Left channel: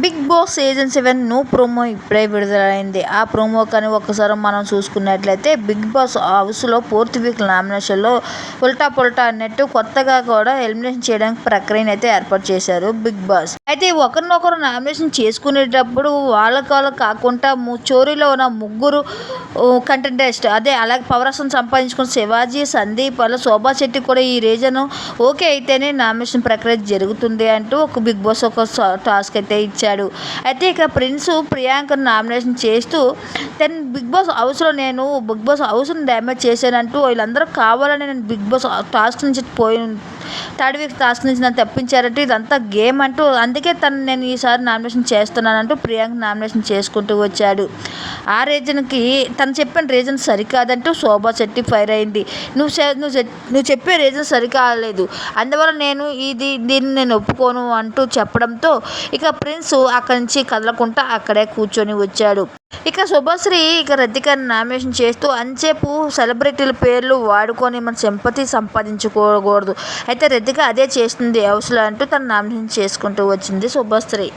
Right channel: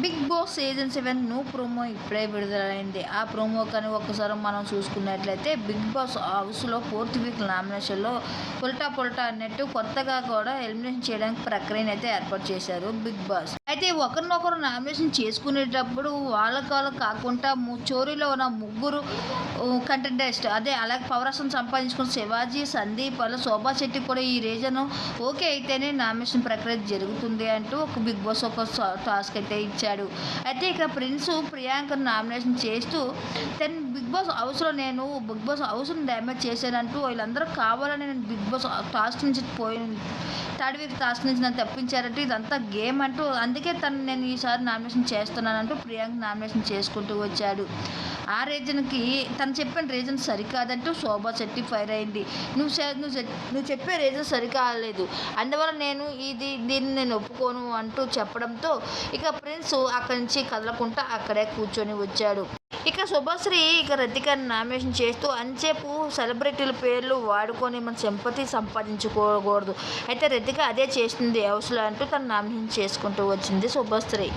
Big boss season 7 new promo ఇప్పుడే విడుదలైంది. ఆ ప్రోమో కానీ ఒక్కసారి మనం చూసుకున్నట్లయితే బిగ్ బాస్ హౌస్లో పూర్తి వీక్ నామినేషన్లో ఉల్టా పుల్టా అన్నట్టు కొత్తగా కూడా ఎలిమినేషన్ చేయడానికి ప్రక్రియను అయితే ఏర్పాటు చేశారు బిగ్ బాస్. అయితే ఒకరినొకరు నామినేషన్ చేసుకునేటప్పుడు వాళ్ళకు కాకుండా చోరీలో ఉన్న ముగ్గురు కంటెంటెస్ట్ అలాగే పవరసం సంపాదించుకున్న శివాజీ, సందీప్ అలా శోభా శెట్టి కూడా ఈ రీజన్ ఓకే అయితేనే నామినేషన్ ప్రక్రియ జరుగుతుంది అంటూ ఒక బిగ్ బాస్ ఒక టాస్క్ అయితే ఇచ్చాడు. అయితే ఇక ప్రిన్స్ ప్రియాంకను నామినేషన్ చేస్తూ బిగ్ బాస్ హౌస్లో నేను బిగ్ బాస్ హౌస్ని డ్యామేజ్ చేశానంటూ వీళ్ళందరూ కావాలని నేను బిగ్ బాస్ టాస్క్ నుంచి థర్డ్ వీక్ టాస్క్ నుంచి నన్ను తప్పించారంటూ ఇదంతా గేమ్ అంటూ అందుకే నేను ఈసారి నామినేషన్ చేస్తున్నానంటూ ప్రియాంక నామినేషన్ చేసుకుంటూ వచ్చాడు. ఆ రీజన్కి తను చెప్పిన రీజన్ సరికాదంటూ శోభా శెట్టి ఫైర్ అయింది. నువ్వు చెప్పే రీజన్ సరికాలేదు, అందువల్ల దీన్ని నేను ఒప్పుకోను అంటూ చెప్పడంతో ఇక ప్రిన్స్ అక్కడి నుంచి కదలకుండా అక్కడే కూర్చొని వచ్చాడు. ఇక శుభశ్రీ రతికని నామినేషన్ చేస్తూ అంచేపు సెలబ్రిటీల పేర్లు వాడుకొని మన సింపతి సంపాదించుకోకూడదు, అయితే రతిక అదే చేస్తుంది హౌస్లో అంటూ తను నామినేషన్ చేసుకుంటూ వచ్చింది శుభశ్రీ.